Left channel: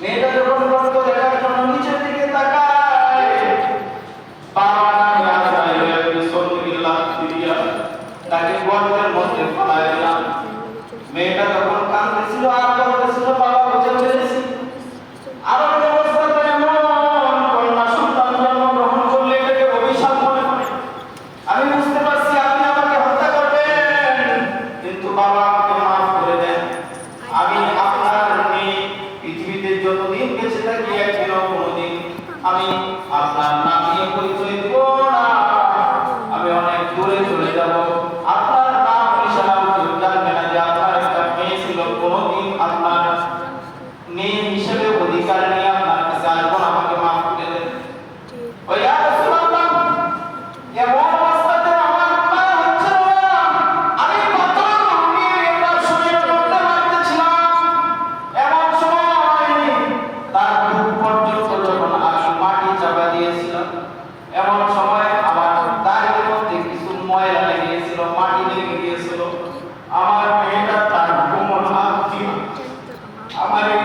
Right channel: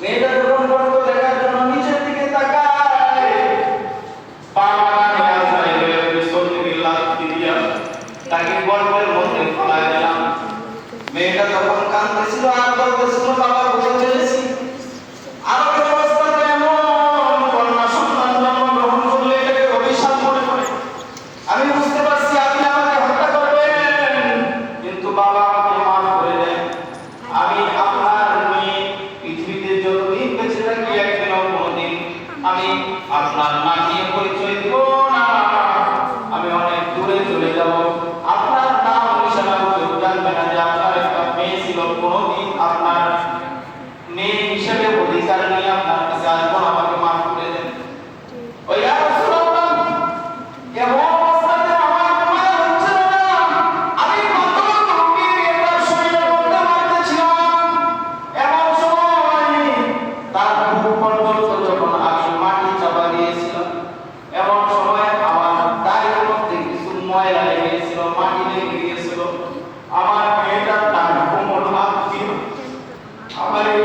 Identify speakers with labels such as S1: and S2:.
S1: মেয়েটা যখন গর্ত দেখার জন্য নিচের দিকে তাকায়। পা মারা গাছ আইলে বিসমিল্লাহ দিয়া তাকে গর্তের মধ্যে ফেলায় দিলাম। মেয়েটা তখন কাঁদতেছিল, আর বলতেছিল, বাবা, বুঝে পেরেছি। আমাকে অবস্থাতে এমন কন্যা সন্তান জন্মগ্রহণ করলে এটাকে অভিশাপ মনে করে। আমি বুঝতে পারছি আপনি আমাকে হত্যা করবেন। কিন্তু বাবা আপনার নাম নিয়ে পরিচয় দিব আমি অনেক দূরে চলে যাব। আপনার নাম নিশানা মানুষ জানবে না যে আপনার একটা মেয়ে ছিল। কোনোদিন আপনার মেয়ে হিসেবে অধিকার নিয়ে আমার ময়লা গিয়েছিল। আমার তার কোমর হাত আমার এই